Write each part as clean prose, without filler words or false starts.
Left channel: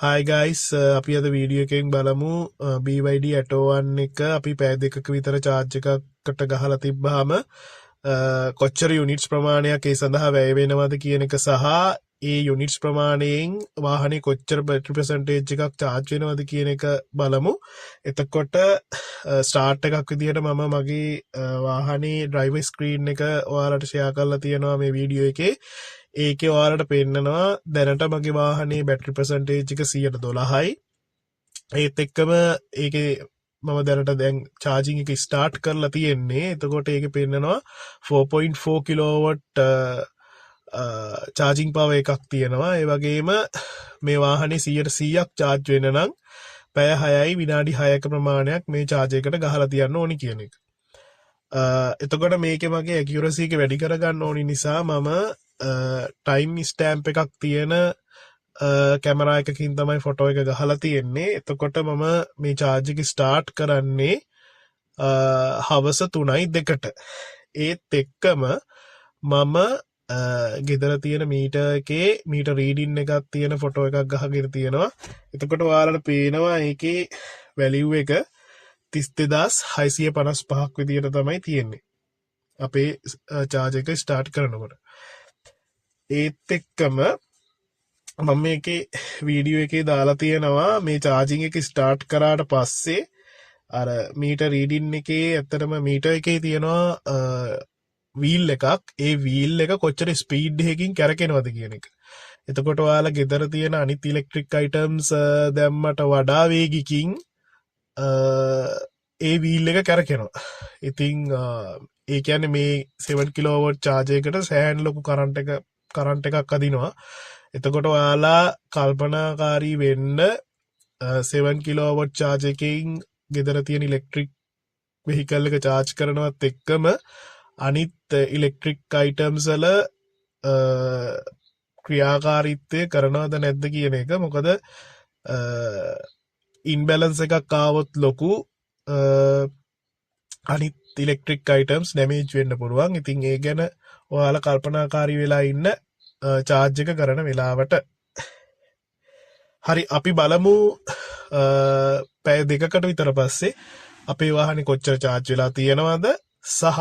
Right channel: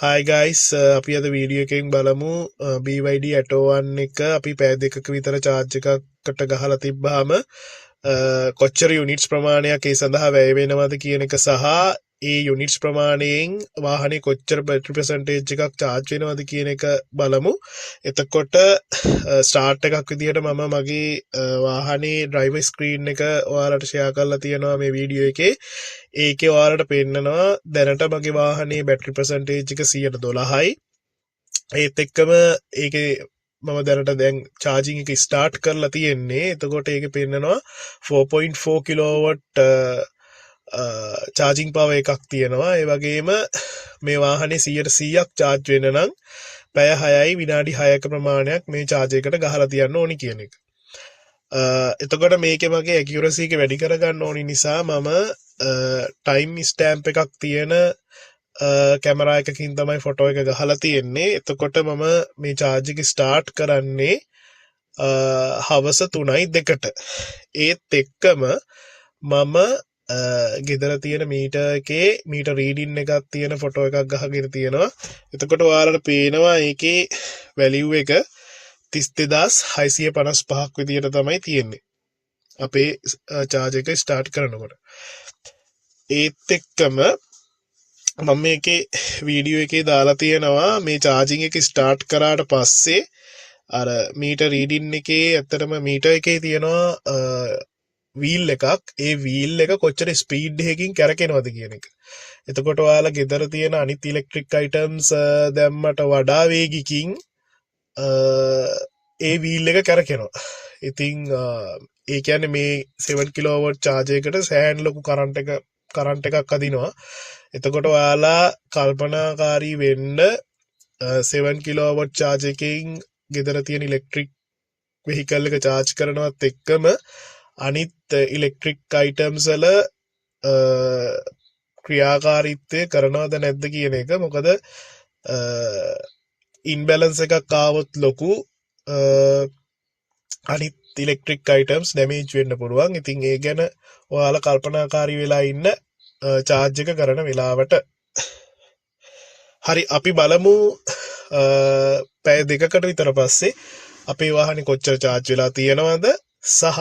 Hi guys අපි අද video එකකින් බලමු BYD Atto 1 එක අපි පැය දෙකක විතර charge එකකට ගහලා තිබ්බහම කොච්චර units ප්‍රමාණයක් ඒ සඳහා වැය වෙනවද කියන එක සහ ඒ units ප්‍රමාණයෙන් වාහනේ කොච්චර battery percentage එකක් charge වෙනවද කියන එක බලමු. එතකොට start එකක් විදිහට මම මගේ වාහනේ driver screen එක ඔයාලට share කරලා තියෙනවා මේ වීඩියෝ එකේ. ඒකේ ඔයාලට පෙන්නනවා දැනට මගේ වාහනේ බැටරි percentage එක 112යි. ඒත් එක්කම ඒකේ මම දැනට දැන් charging එක start කරලා තියෙන්නේ. එතකොට ඒකේ පෙන්නනවා 4.4 kilowatt charging power එකක් තියෙනවා. ඒ වගේම මේ වාහනේ 100%ක් charge වෙන්න නම් පැය 6යි විනාඩි 6ක ප්‍රමාණයක් මේ charge එකට ගහලා තියන්න ඕනි කියන එක. එතකොට මේකේ මගේ accuracy එක වැඩි කරගන්න ඕනි නිසා මම time stamp එකක් තියෙන කැමරා එකකින් තමයි ෆොටෝ එක ගහලා තියෙන්නේ. එතකොට මම මේ charge එක start කරන්නේ හවස 3:02ට. ඒත් එක්කම මම ගෙදර තියෙන මීටර් එකේ මීටර් රීඩින් එකක් තියෙන ෆොටෝ එකක් ගහගෙන තියෙනවා. එතකොට ඔයාලට පේනවා ඒකේ වැලියු එක 32655ක් විදියට තමයි තියෙන්නේ. අපේ charge එක start කරනකොට. ඒත් එක්කම මම මේකේ වීඩියෝ එකේ දාලා තියෙනවා මේ charging එක start කරාට පස්සේ අර මීටර් රීඩින් එකේ ඇත්තටම මීටර් එකේ තියෙනවා wheel එකක්. ඒ wheel එක කොච්චර speed එකකින් කැරකෙනවද කියන එක. එතකොට ඔයාලා ගෙදර තියෙන අනිත් electric items දැම්මට වඩා වේගිකින් ඒ wheel එක කැරකෙනවා. ඉතින් ඒ කියන්නේ මේ 7 kilowatt charge එකකට සෑහෙන ලොකු කරන්ට් එකක් අදිනවා. එතකොට ඔයාලා කල්පනාකාරී වෙන්න 7 kilowatt charge එකකින් ගෙදර තියෙන electric vehicle එක charge කරනවත් එක්කම අනිත් electric items වල ක්‍රියාකාරීත්වය කරනවද නැද්ද කියන එක. මොකද imbalance එකක් ආවොත් ලොකු අනිත් electric items damage වෙන්න පුළුවන්. ඉතින් ඒ ගැන ඔයාලා කල්පනාකාරී වෙලා ඉන්න charge එක කරන වෙලාවට. හරි අපි බලමු පැය දෙකකට විතර පස්සේ අපේ වාහනේ කොච්චර charge වෙලා තියෙනවද සහ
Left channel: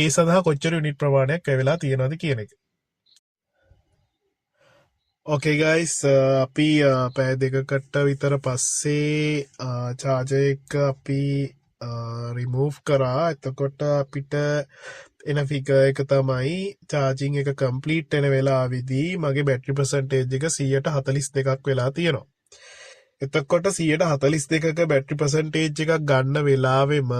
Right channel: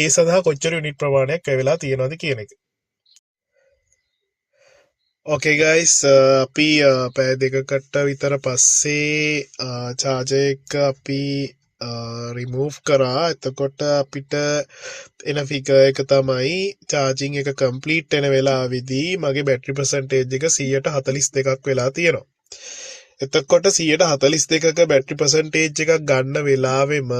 ඒ සඳහා කොච්චර යුනිට් ප්‍රමාණයක් වැය වෙලා තියෙනවද කියන එක. Okay guys අපි පැය දෙකකට විතර පස්සේ charger එක අපි remove කරා. එතකොට අපිට එන figure එක තමයි charging එක complete වෙන වෙලාවේදී මගේ battery percentage එක 142ක් වෙලා තියෙනවා. එතකොට 142ක battery percentage එකක් ගන්න වෙලාවෙම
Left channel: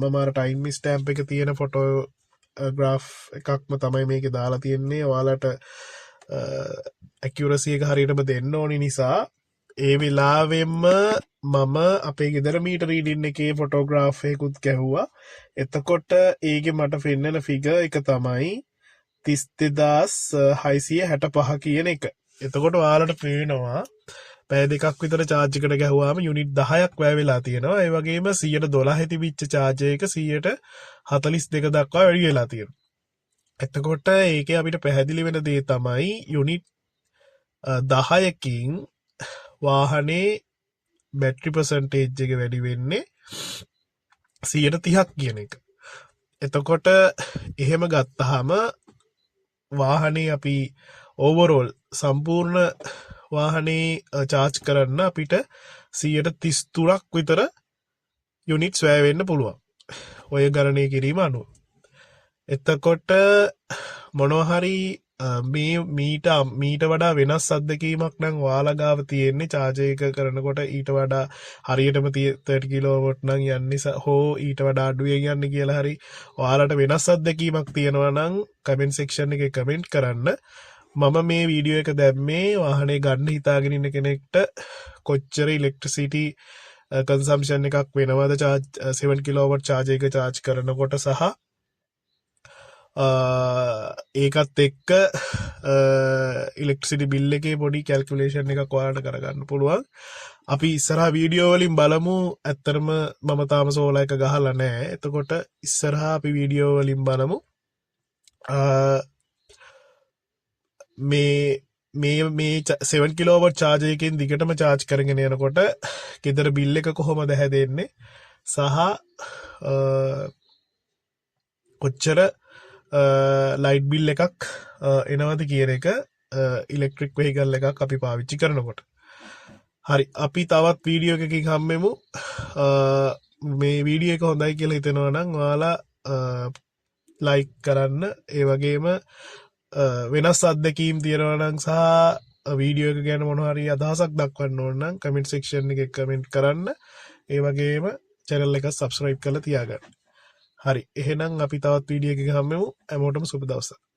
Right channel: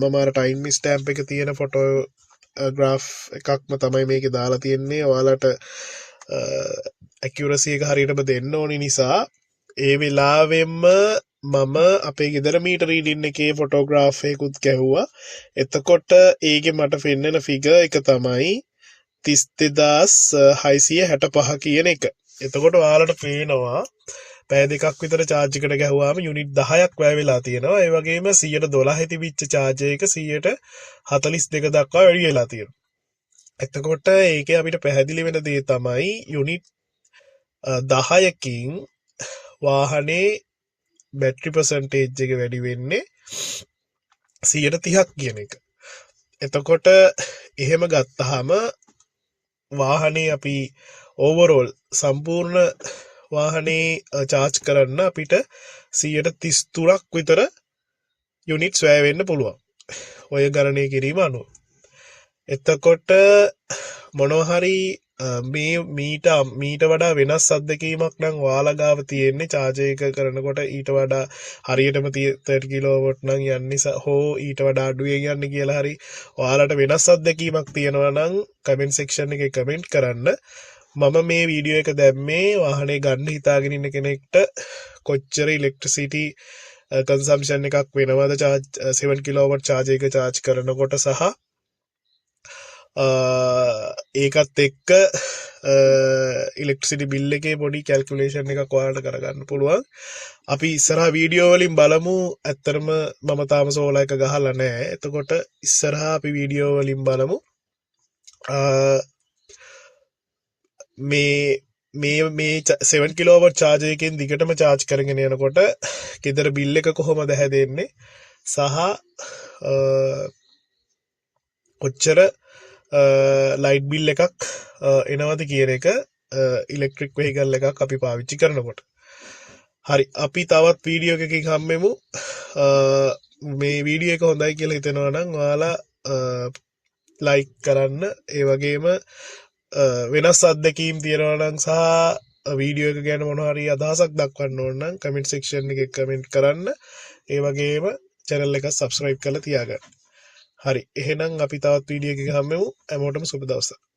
මම අර time stamp එක තියෙන photograph එකක්ම තමයි මේකේ දාලා තියෙන්නේ. ඔයාලට accuracy එක හරියටම දෙන්න ඕනි නිසා ඒ වෙලාවෙම මම අපේ ගෙදර මීටර් රීඩින් එකේ ෆොටෝග්‍රාෆ් එකකුත් ගැහුවා. එතකොට ඒකේ මට පෙන්නන ෆිගර් එක තමයි 32665 කියන එක. එතකොට ඔයාලට පේනවා පැය දෙකක් විතර charge එකට ගැහුවාම යුනිට් 10ක් වැය වෙලා තියෙනවා. ඒ වගේම 112 තිබිච්ච charge එක 142 දක්වා වැඩි වෙලා තියෙනවා. එතකොට ඒකේ අපිට පැහැදිලි වෙන දේ තමයි යුනිට් 10කින් වාහනේ battery percentage එක වැඩි වෙන්නේ 130ක් කියන එක. එතකොට එහෙම ගත්තාම වාහනේ අපි overall සම්පූර්ණ වාහනේ charge කරන්න අපිට 133ක් විතර units වැය වෙන්න පුළුවන්. ඔය ගණනය කිරීම අනුව. එතකොට මොනවා හරි මේ මීට වඩා වෙනස් අත්දැකීමක් නම් ඔයාලා ගාව තියෙන්නේ charge එක කරනකොට ඊට වඩා හරියටම 30 kilowatt නම් යන්නේ හෝ ඊට වඩා අඩුවෙන් යන්නේ කියලා හරි ඔයාලට වෙනස් අත්දැකීමක් තියෙනවා නම් comment section එකේ comment කරන්න. මම මේ වීඩියෝ එක දැම්මේ වාහනේ ගන්න හිතාගෙන ඉන්න කෙනෙක්ට කොච්චර electricity consumption එකක් වෙනවද 7 kilowatt charge එක charge කරනකොට සහ ඒකත් එක්ක electricity bill එකේ පොඩි calculation එකක් ඔයාලට කරගන්න පුළුවන්. අපි ඉස්සරහා වීඩියෝ වලින් බලමු. ඇත්තරම මම තාම සෝලා එක ගහලා නැහැ. එතකොට ඉස්සරහා අපි වීඩියෝ වලින් බලමු මේ මේ 7 කිලෝවට් චාර්ජයකින් දිගටම චාර්ජ් කරගෙන යනකොට ගෙදර බිල් එක කොහොමද හැදෙන්නේ සහ කොච්චර ලයිට් බිල් එකක් එනවද කියන එක ඉලෙක්ට්‍රික් වෙහිකල් එකක් අපි පාවිච්චි කරනකොට. හරි අපි තවත් වීඩියෝ එකකින් හම්බෙමු. මේ වීඩියෝ එක හොඳයි කියලා හිතෙනවා නම් ඔයාලා ලයික් කරන්න. ඒ වගේම වෙනස් අත්දැකීම් තියෙනවා නම් සහ වීඩියෝ එක ගැන මොනවා හරි අදහසක් දක්වන්න ඕන නම් කමෙන්ට් සෙක්ෂන් එකේ කමෙන්ට් කරන්න. ඒ වගේම channel එක subscribe කරලා තියාගන්න. හරි එහෙනම් අපි තවත් වීඩියෝ එකකින් හම්බෙමු. හැමෝටම සුබ දවසක්.